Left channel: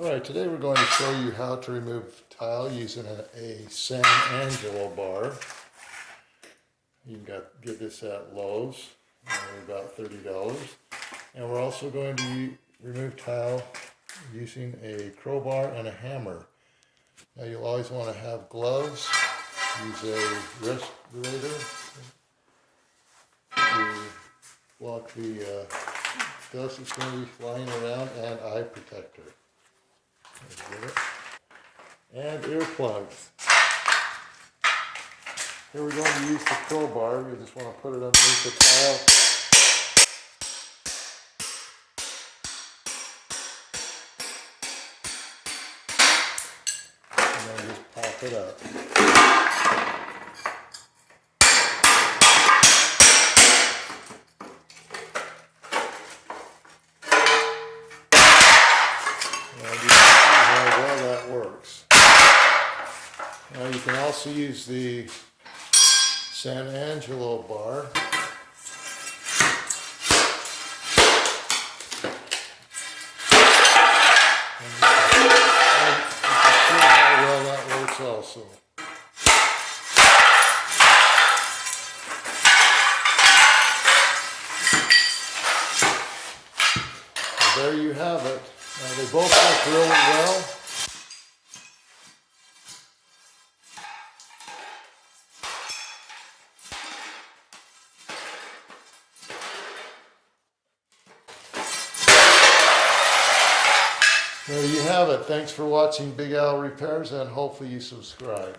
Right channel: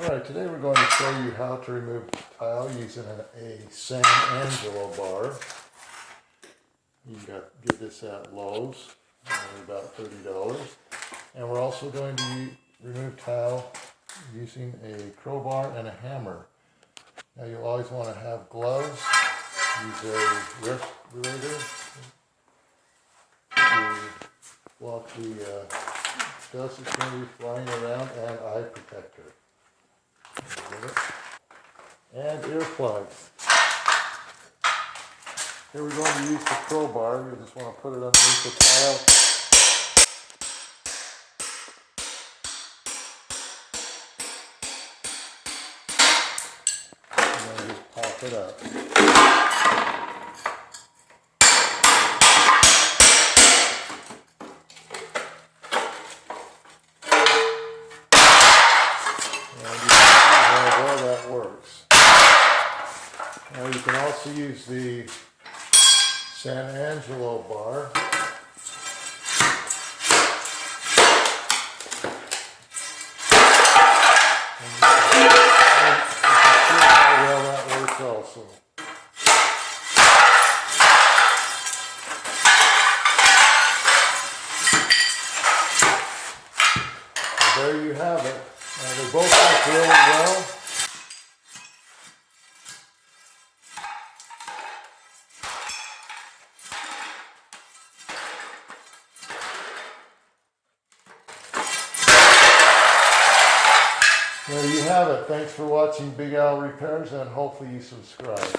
Alright, today we're going to show you how to remove tile using a San Angelo bar. You can get this at Lowe's, about $30. And we're also going to remove tile using a crowbar and a hammer. Now you'll always want to have gloves, use a respirator to block the dust that's going to be flying around, and eye protector. And earplugs. Here we're going to use the crowbar. You just want to put it underneath the tile. And then just pop it up. And you can see how well that works. Now you can also use the San Angelo bar. And you can see how well that works also. So there you have it. They both work really well. There you have it. Thanks for watching Big Al Repairs, and hopefully you subscribe.